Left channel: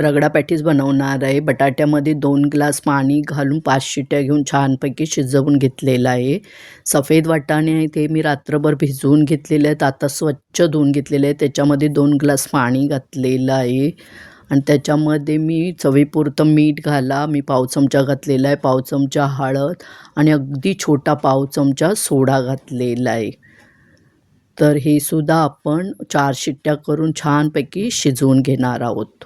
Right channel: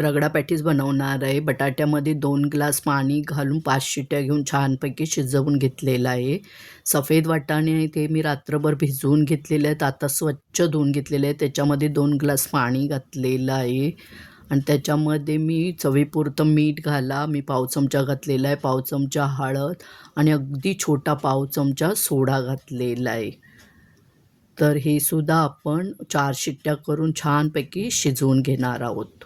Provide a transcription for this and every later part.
Ragda patties बनवणार आहे. बटाट्यामध्ये 2 ग्लास पाणी घालून 5 शिट्ट्या घेऊन छानपैकी शिजवून घेतलेलं आहे. सफेद वाटाणे आहे ते मी रात्रभर भिजवून घेतलेले आहेत. आता स्वच्छ धुवून घेतलेले आहेत. त्याच्यामध्ये 2 ग्लास पाणी घातलेलं आहे आणि त्याच्यामध्ये मी चवीपुरतं मीठ घाला. मी पाव चमचा घातलेला आहे, पाव चमचा हळद आणि अगदी छोटा पाव चमचा सोडा घातलेला आहे. तर हे सुद्धा आपण 4 शिट्ट्या करून छानपैकी शिजवून घेणार आहोत.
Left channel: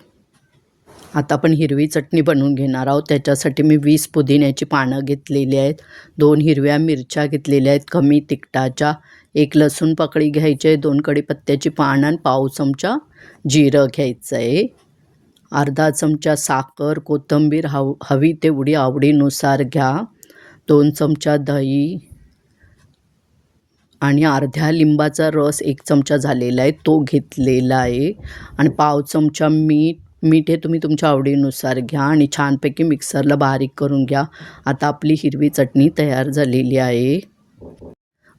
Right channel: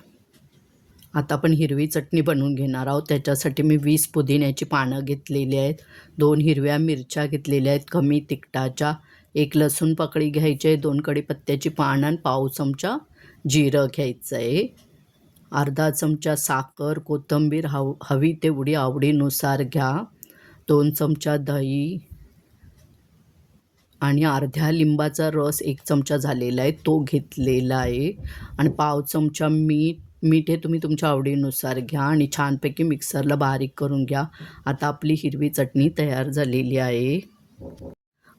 आता आपण हिरवी चटणी बनवून घेणार आहोत. त्याच्यासाठी मी 20 पुदिन्याची पानं घेतलेली आहेत, 2 हिरव्या मिरच्या घेतलेल्या आहेत कमी तिखटाच्या, 1 लसूण पाकळी घ्यायची आहे, 2 कढीपत्त्याची पानं आणि पाव चमचा जिरं घ्यायचं आहे. अर्धा चमचा साखर, कोथिंबीर हवी तेवढी आवडीनुसार घ्या. 2 चमचा दही आणि अर्ध्या लिंबाचा रस 1 चमचा झालेला आहे तो घेतलेला आहे आणि पाव चमचा मीठ हे तुम्ही तुमच्या आवडीनुसार घ्या आणि छानपैकी मिक्सरला बारीक करून घ्या. आता आपली हिरवी चटणी तयार झालेली आहे.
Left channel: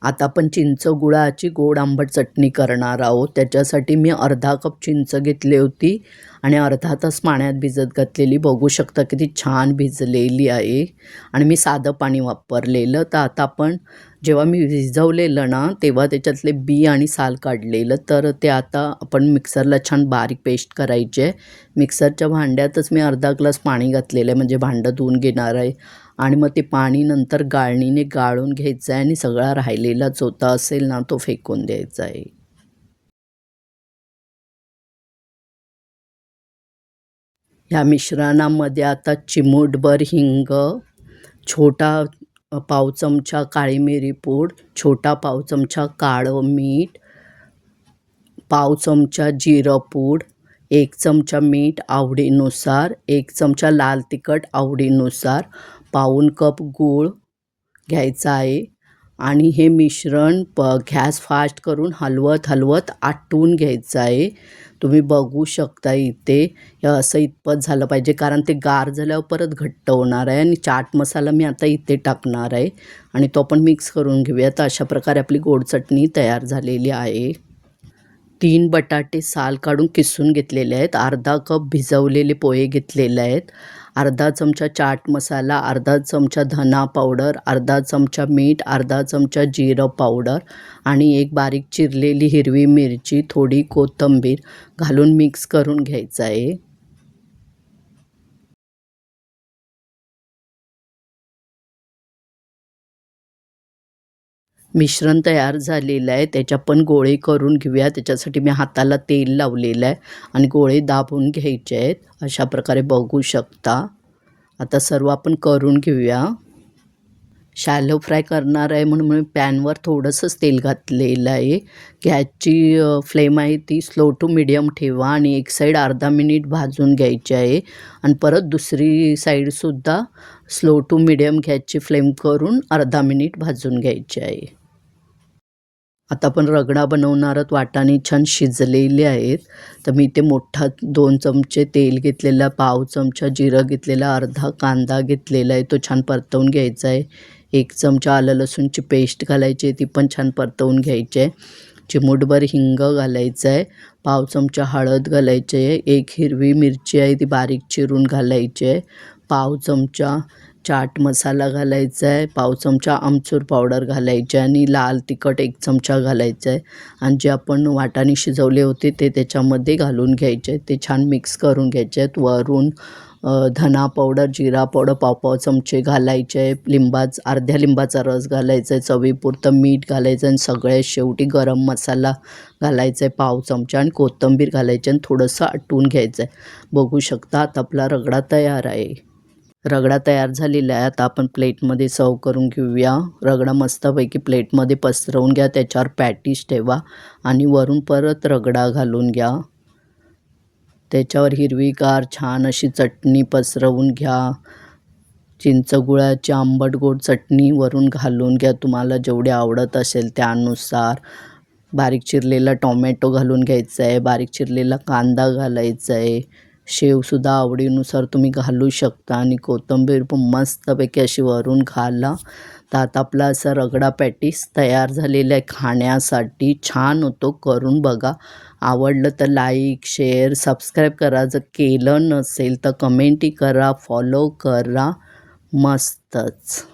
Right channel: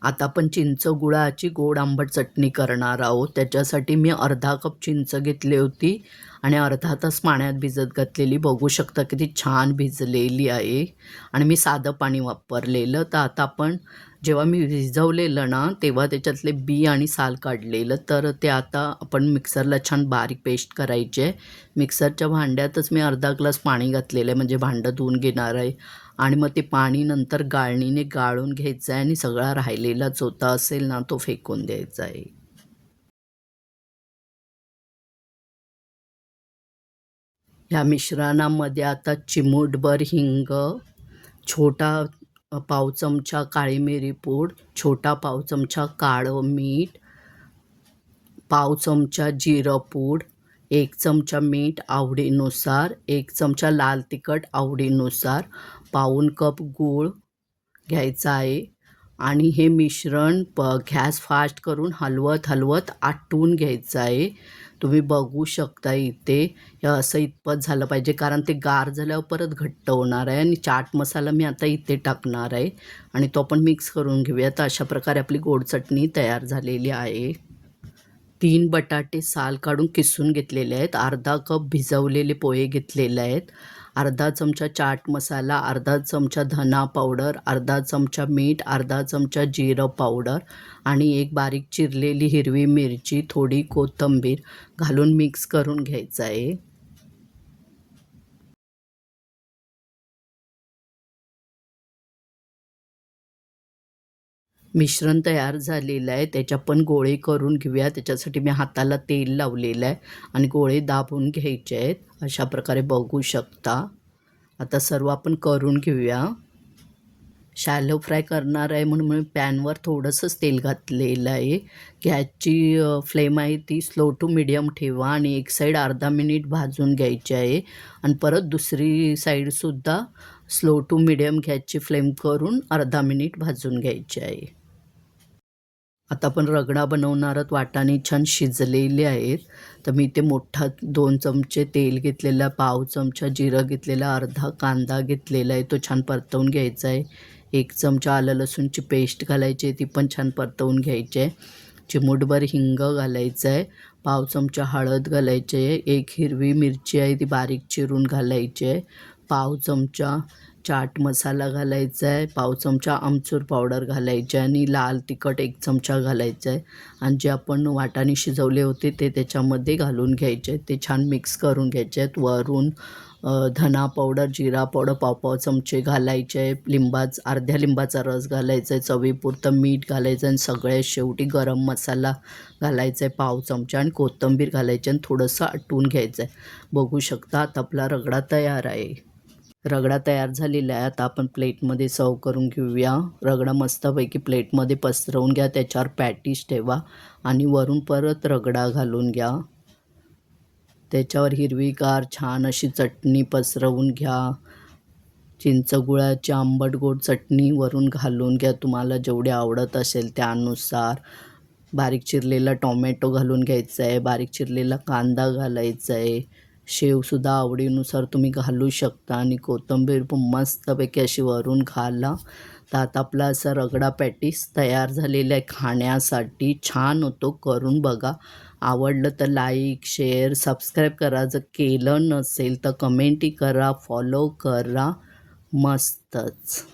आता आपण चिंच गुळाची गोड आंबट चटणी करणार आहोत. त्याच्यासाठी मी अर्धा कप चिंच घेतली होती आणि अर्धा तास पाण्यात भिजत घातलेली. बघू शकता किती छान भिजलेली आहे आणि मी साधं पाणी वापरलेलं. तर आता आपण जेव्हा मी भिजवलेलं ना तेव्हा त्याच्यातले बी आणि साल काढलेलं, तर ते आता आपण मिक्सरला छान बारीक पेस्ट करायची आहे. मिक्सरच्या भांड्यातच मी अर्धा ग्लास पाणी घातलेलं आहे, म्हणजे भांडं धुवून घेणार आहे आणि मग ते पाणी नंतर गाळणीने गाळून घ्यायचं आहे आणि सगळा राहिलेला चोथा असेल ना तो फेकून द्यायचा आहे. ह्या मिश्रणामध्ये आता चिमूटभर हिंग, छोटा पाव चमचा काळी मिरी पूड, छोटा पाव चमचा काळं मीठ, पाव चमचा जिरं पूड, 1 चमचा मीठ आवडीनुसार, 1 चमचा लाल तिखट आवडीनुसार, पाऊण कप गूळ घ्यायचा आहे आणि हे मिश्रण गॅस फास्ट करून हलवत आटवून घ्यायचं आहे. तुम्ही बघू शकता इथे हे असं इतपत झालं पाहिजे, कारण ते गार झाल्यावर परत घट्ट होणार आहे आणि चाट मसाला मी आता इथे टाकणार आहे आणि तो आपण मिक्स करून घेऊया. तर अशा प्रकारे आपली गोड चटणी तयार झालेली आहे. 3 बटाटे साल काढून किसून घेतलेले आहेत, अर्धा कप भिजवलेले पोहे घेतलेले आहेत, अर्धा चमचा चाट मसाला, अर्धा चमचा धना पावडर, अर्धा चमचा मीठ, अर्धा चमचा जिरं पावडर आणि 1 बारीक चिरलेली हिरवी मिरची, थोडी कोथिंबीर घालून मिक्स करून घ्यायचं आहे. मिश्रण तयार झालेलं आहे, त्याच्या पण गोळे करून घेऊया. त्याच्यासाठी मी हाताला तेल लावलेलं आहे आणि गोळे दाबून घ्यायचे आहेत. अशा प्रकारे बघू शकता. आता सर्व आपण करून घेऊया. शॅलो फ्राय करणार आहे म्हणून मी पॅनवर थोडंसंच तेल घातलेलं आहे. गॅसची फ्लेम आहे ती स्लो टू मिडियम ठेवा आणि एक साईड अर्धा मिनिट भाजून घ्यायची आहे आणि परत दुसरी साईडसुद्धा स्लो टू मिडियम गॅसची फ्लेम करून अर्धा मिनिट भाजून घ्यायची आहे. आता आपण रगडा बनवणार आहोत. वाटाणे छान शिजलेले आहेत, तर मी ते मोठा 2 चमचे तेल घेतलेला, पाव चमचा जिरं घेतलेला, अर्धा कांदा घेतलेला आहे तो छान परतवून घ्यायचा आहे. 1 चमचा आलं लसूणची पेस्ट घालायची आहे, ती पण छान परतवून घ्यायची आहे. चिमूटभर हिंग घालायचं आहे, पाव चमचा हळद घालायची आहे, 1 हिरवी मिरची आहे ती बारीक चिरून घालायची आहे, पाव चमचा चाट मसाला घालायचा आहे, पाव चमचा आमचूर पावडर घालायची आहे आणि लाल तिखट 1 चमचा घालायचं आहे आणि जे आपण वाटाणे शिजवले होते ते त्याच्यामध्ये घालून घ्यायचे आहेत. ते छान मिक्स करून घ्यायचे आहेत. वरून धना पावडर, जिरा पावडर पाव चमचे घालायचे आहे, अर्ध्या लिंबाचा रस घालायचा आहे, चवीपुरतं मीठ घालायचं आणि सगळ्यात शेवटी गरम मसाला घालायचा आहे पाव चमचा आणि कोथिंबीर घालायची आणि थोडंसं आटवून घ्यायचं आहे. बघू शकता आता आपला रगडा तयार आहे. रगडा तयार झालेला आहे. आता आपण प्लेटमध्ये सर्व करून घेऊया. रगडा मस्तपैकी प्लेटमध्ये पसरवून घ्या, त्याच्यावर पॅटीस ठेवा आणि वरून परत रगडा घालून घ्या. त्याच्यावर हिरवीगार छान अशी चटणी पसरवून घ्या. चिंच गुळाची आंबट गोड चटणी वरून घालून घ्या, तुम्हाला जेवढे आवडत असेल त्यानुसार. बारीक चिरलेला टोमॅटो घालून घ्यायचा आहे, बारीक चिरलेला कांदा घालायचा आहे, शेवसुद्धा आवडीनुसार तुम्ही घालू शकता आणि कोथिंबीर पण मस्तपैकी अशी वरून घाला. तर आता आपला असा रगडा पॅटीस तयार झालेला आहे खाण्यासाठी. छान होतो, करून बघा आवडलं तर लाईक, शेअर, सबस्क्राईब करा. जर केलं नसेल तर कमेंटही करा, फॉलो करा. मस्तच.